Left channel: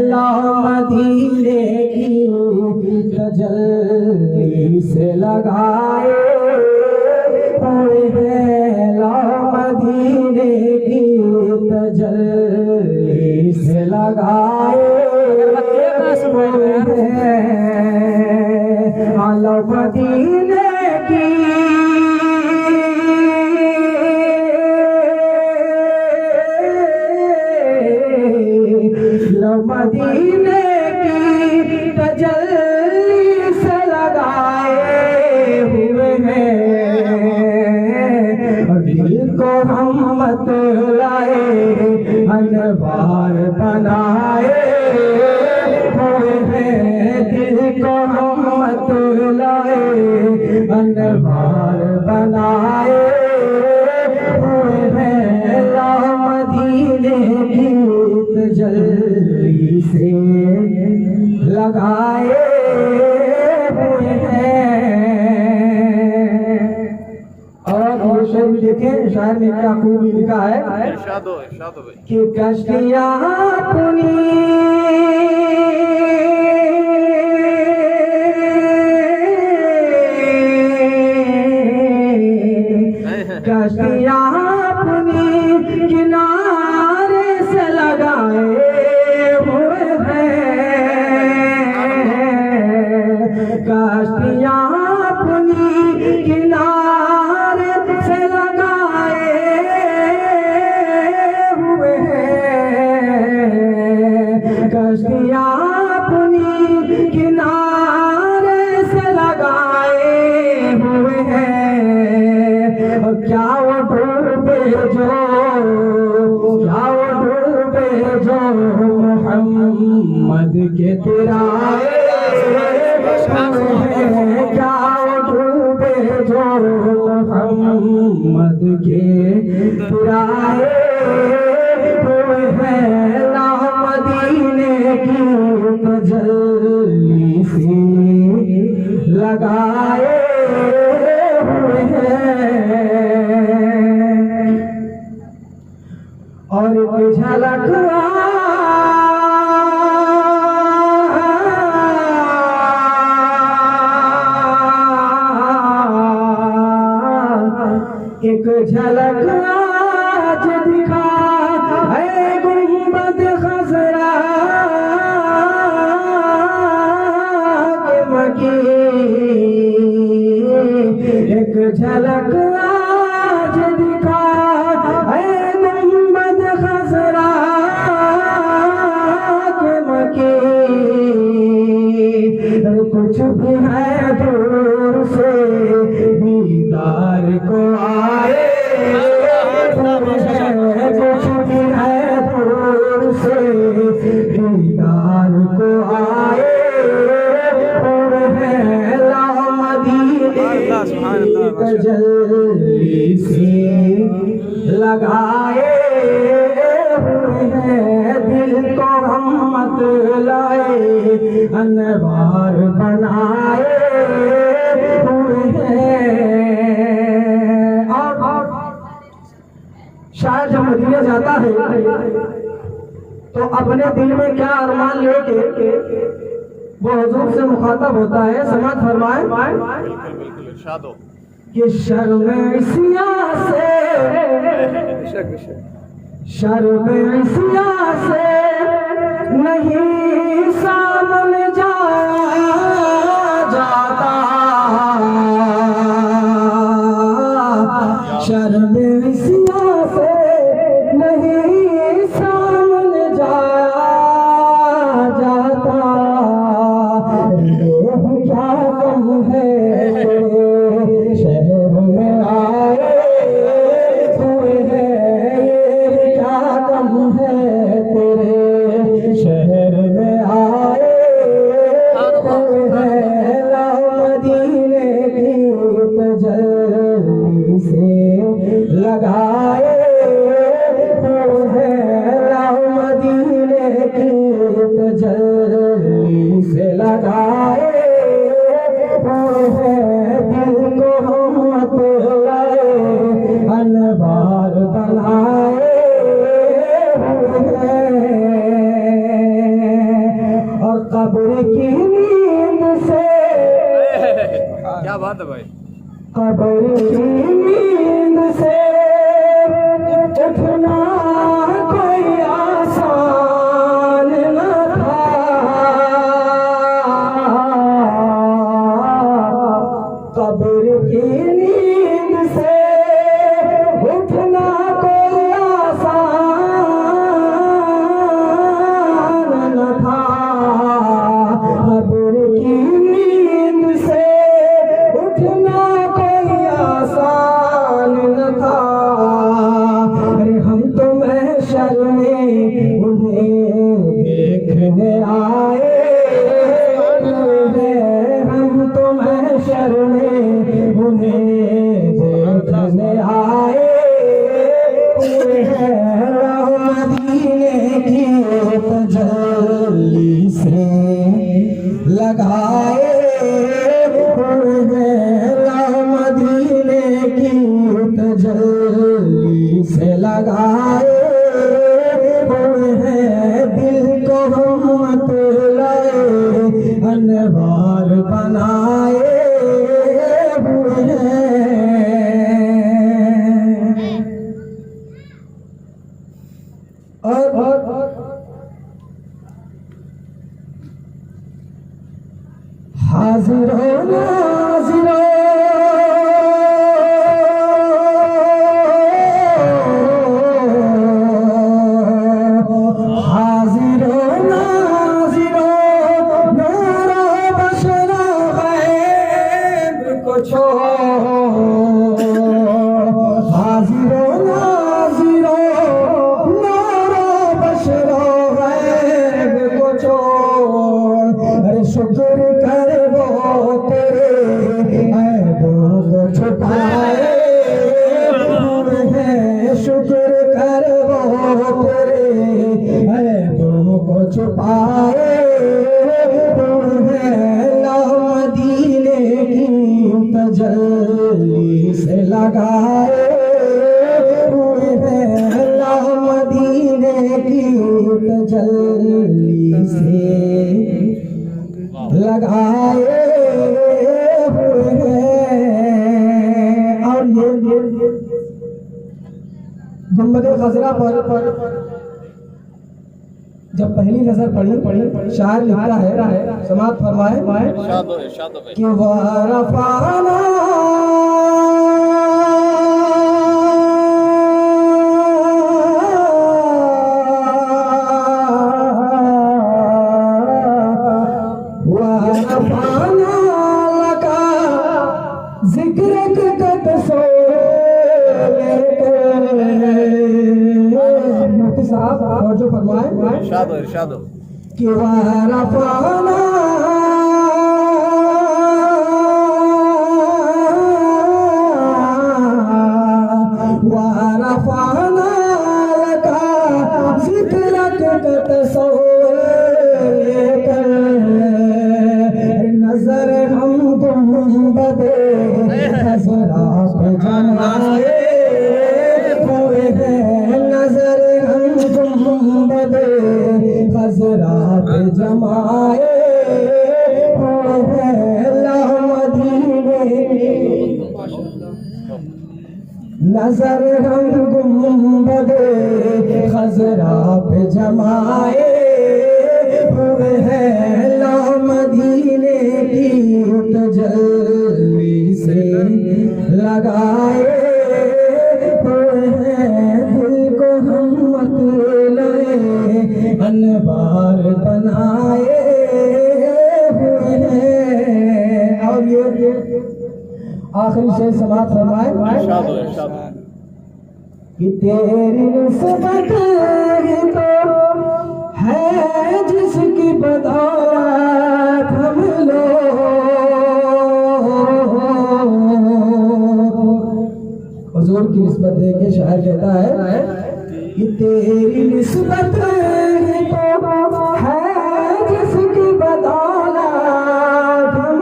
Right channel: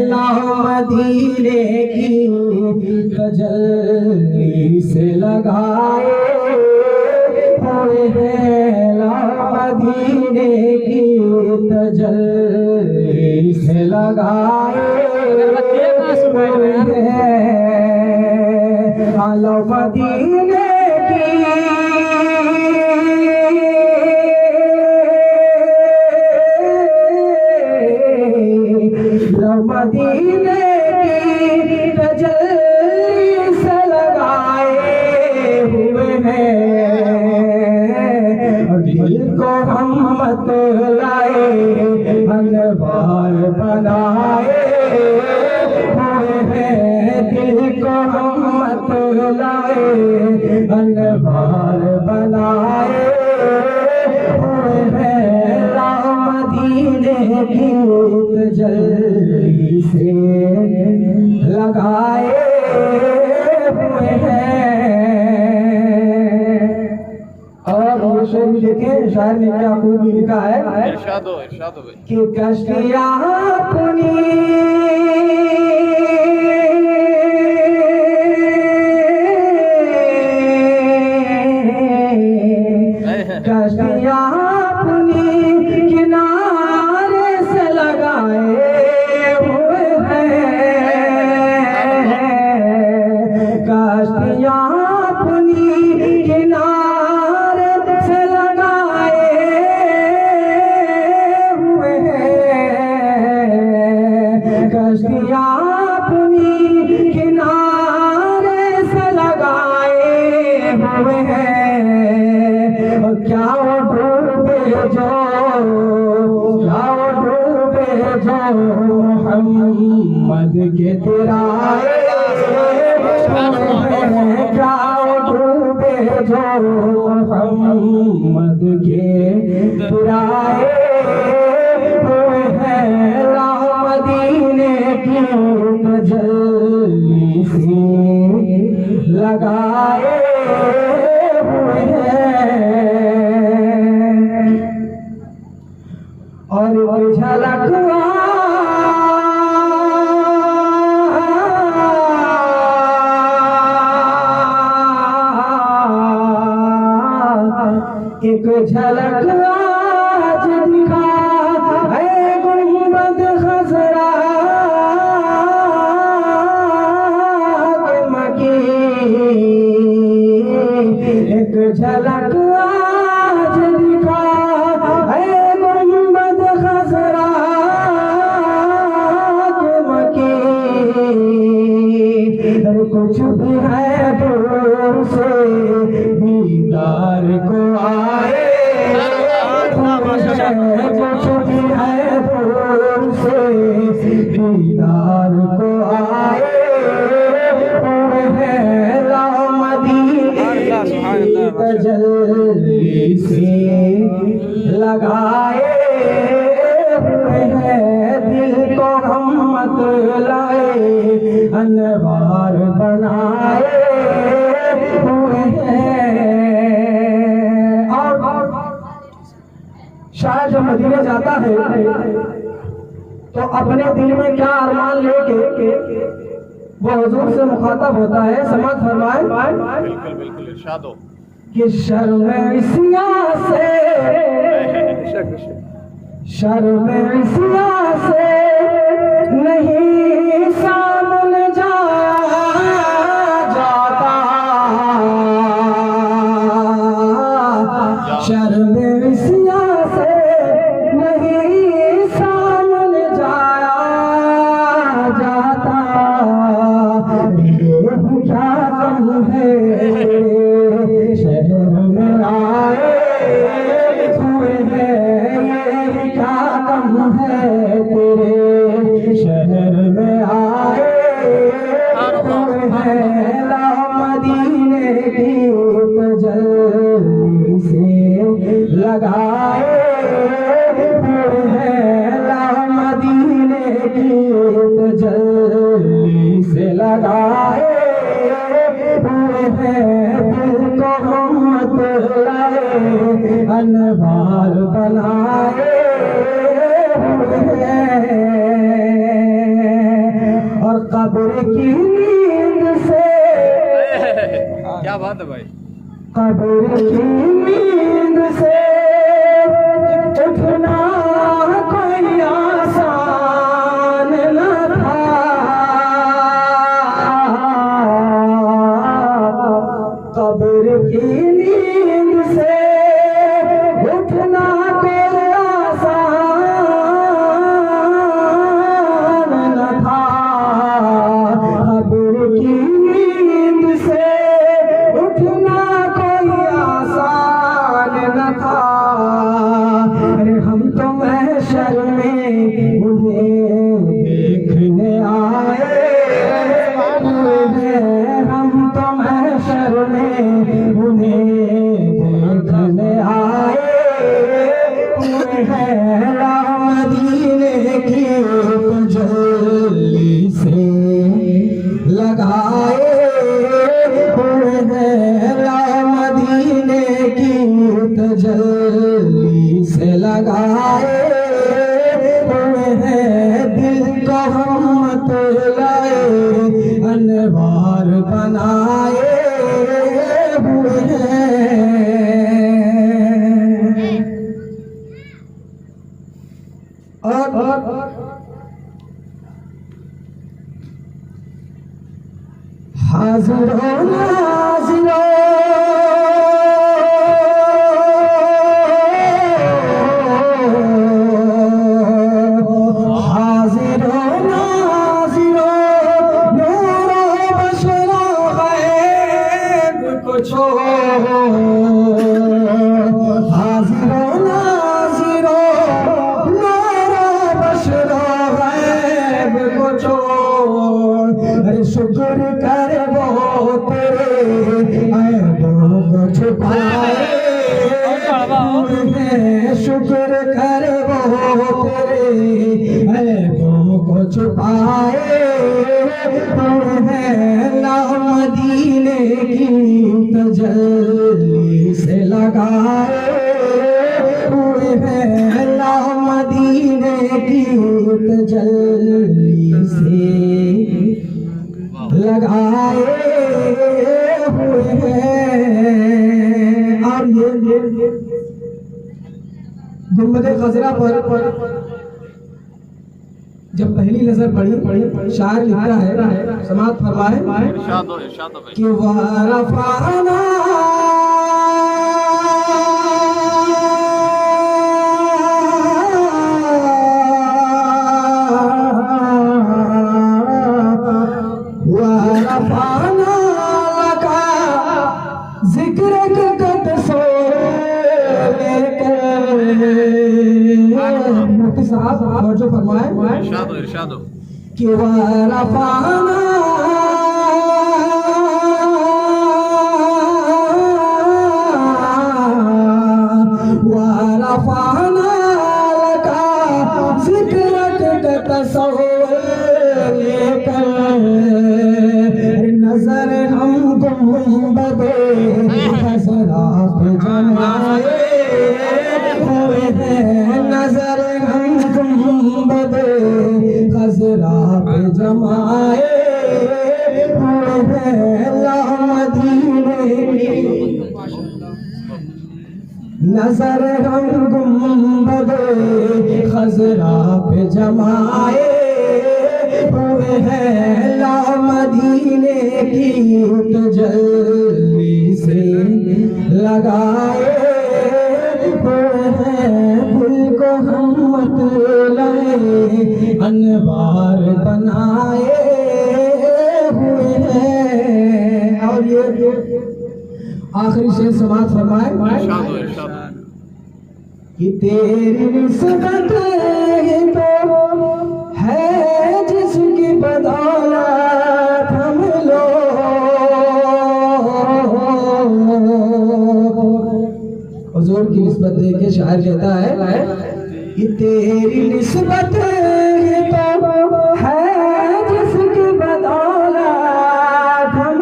लाओ मदीने की तजल्ली से लगाए हुए हैं, लाओ मदीने की तजल्ली से लगाए हुए हैं, लाओ मदीने की मदीने की तजल्ली से लगाए हुए हैं, और दिल को रहमत लाए अनवार बनाए हुए हैं, दिल को रहमत लाए अनवार बनाए हुए हैं, लाओ मदीने की तजल्ली से लगाए हुए हैं। और ये शेर भी देखें, शायर ने क्या खूबी लिखा है कि कश्तियाँ अपनी कश्तियाँ अपनी किनारे से लगाए हुए हैं, कश्तियाँ अपनी किनारे से लगाए हुए हैं, कश्तियाँ अपनी किनारे से लगाए हुए हैं, और क्या डूबे जो मोहम्मद के तिराए, क्या डूबे जो मोहम्मद के तिराए हुए हैं, लाओ मदीने की तजल्ली से लगाए हुए हैं। और झलक एक झलक आज दिखा है गुंबद खज़रा के मकी, एक झलक आज दिखा है गुंबद खज़रा के मकी, कुछ भी है दूर से दीदार को आए, कुछ भी है दूर से दीदार को आए हुए हैं, लाओ मदीने की तजल्ली से लगाए हुए हैं, दिल को रहमत लाए अनवार बनाए हुए हैं। और शायद जब मदीने जाता है तो अपने दिल में क्या अरमान लेके वो हुजूर से मुखातब होता है, समाज फरमाए कि शर्म-ए-सियां से नहीं सामने जाता, शर्म-ए-सियां से नहीं सामने जाता, क्या कम है शहर में आए हुए हैं, ये क्या कम है तेरे शहर में आए हुए हैं, लाओ मदीने की तजल्ली से लगाए हुए हैं, लाओ मदीने की तजल्ली से लगाए हुए हैं, दिल को रहमत लाए अनवार बनाए हुए हैं। की नींद से, क्या बात है भाई। कब्र की नींद से उठना कोई आसान न था। कब्र की नींद से उठना कोई आसान न था। कब्र की नींद से उठना कोई आसान न था। हम तो महशर में उन्हें देखने आए हैं। हम तो महशर में उन्हें देखने आए हुए हैं। मदीने की तजल्ली से लगाए हुए हैं। मदीने की तजल्ली से लगाए हुए हैं। दिल को हम मत लाए अनवार बनाए हुए हैं। और हाजिरो नाजिरो हाजिरो नाजिरो नूरो बशरो गैब को छोड़ो। हाजिरो नाजिरो नूरो बशरो गैब को छोड़। अरे शुक्र कर वो तेरे ऐबों को छुपाए हुए हैं। शुक्र कर वो तेरे ऐबों को छुपाए हुए हैं। ना मदीने की तजल्ली से लगाए हुए हैं। ना मदीने की तजल्ली से लगाए हुए हैं। और ये गुंबद खजरा पर जब पहली नजर पड़ी, शायर लिखता है, समाअत फरमाए कि वरफ़अना जो फरमाए इरशाद हो कि वरफ़अना वरफ़अना लका ज़िक्रक का तस्वीर लेकर नजर हम गुंबदे खज़रा पे जमाए हुए हैं। नजर हम गुंबदे खज़रा पे जमाए हुए हैं। मदीने नजर हम गुंबदे खज़रा पे जमाए हुए हैं। ला मदीने की तजल्ली से लगाए हुए हैं। दिल को हम मत लाए अनवार बनाए हुए हैं। और ये आखिरी शेर समाअत फरमाए कि तेरी निस्बत ही तो है जिसकी बदौलत हम लोग। हुजूर की निस्बत दे के शायर कहता है कि तेरी निस्बत ही तो है जिसकी बदौलत हम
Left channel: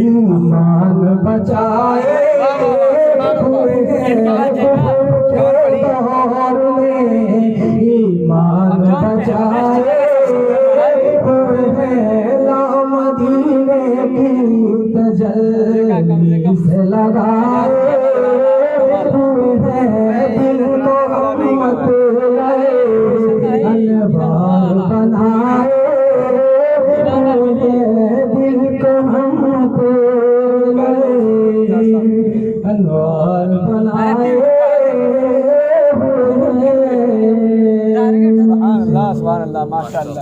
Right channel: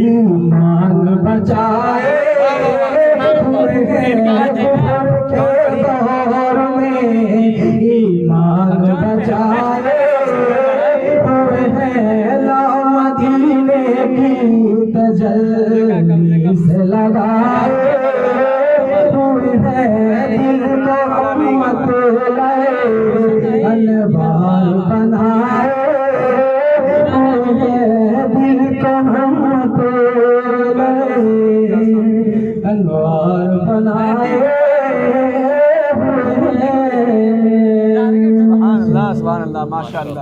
ईमान बचाए हुए हैं। इसे लगाए हुए हैं दिल का मत लाए अनवार बनाए हुए हैं दिल को हम तो लाए अनवार बनाए हुए हैं। सुभान अल्लाह माशाअल्लाह।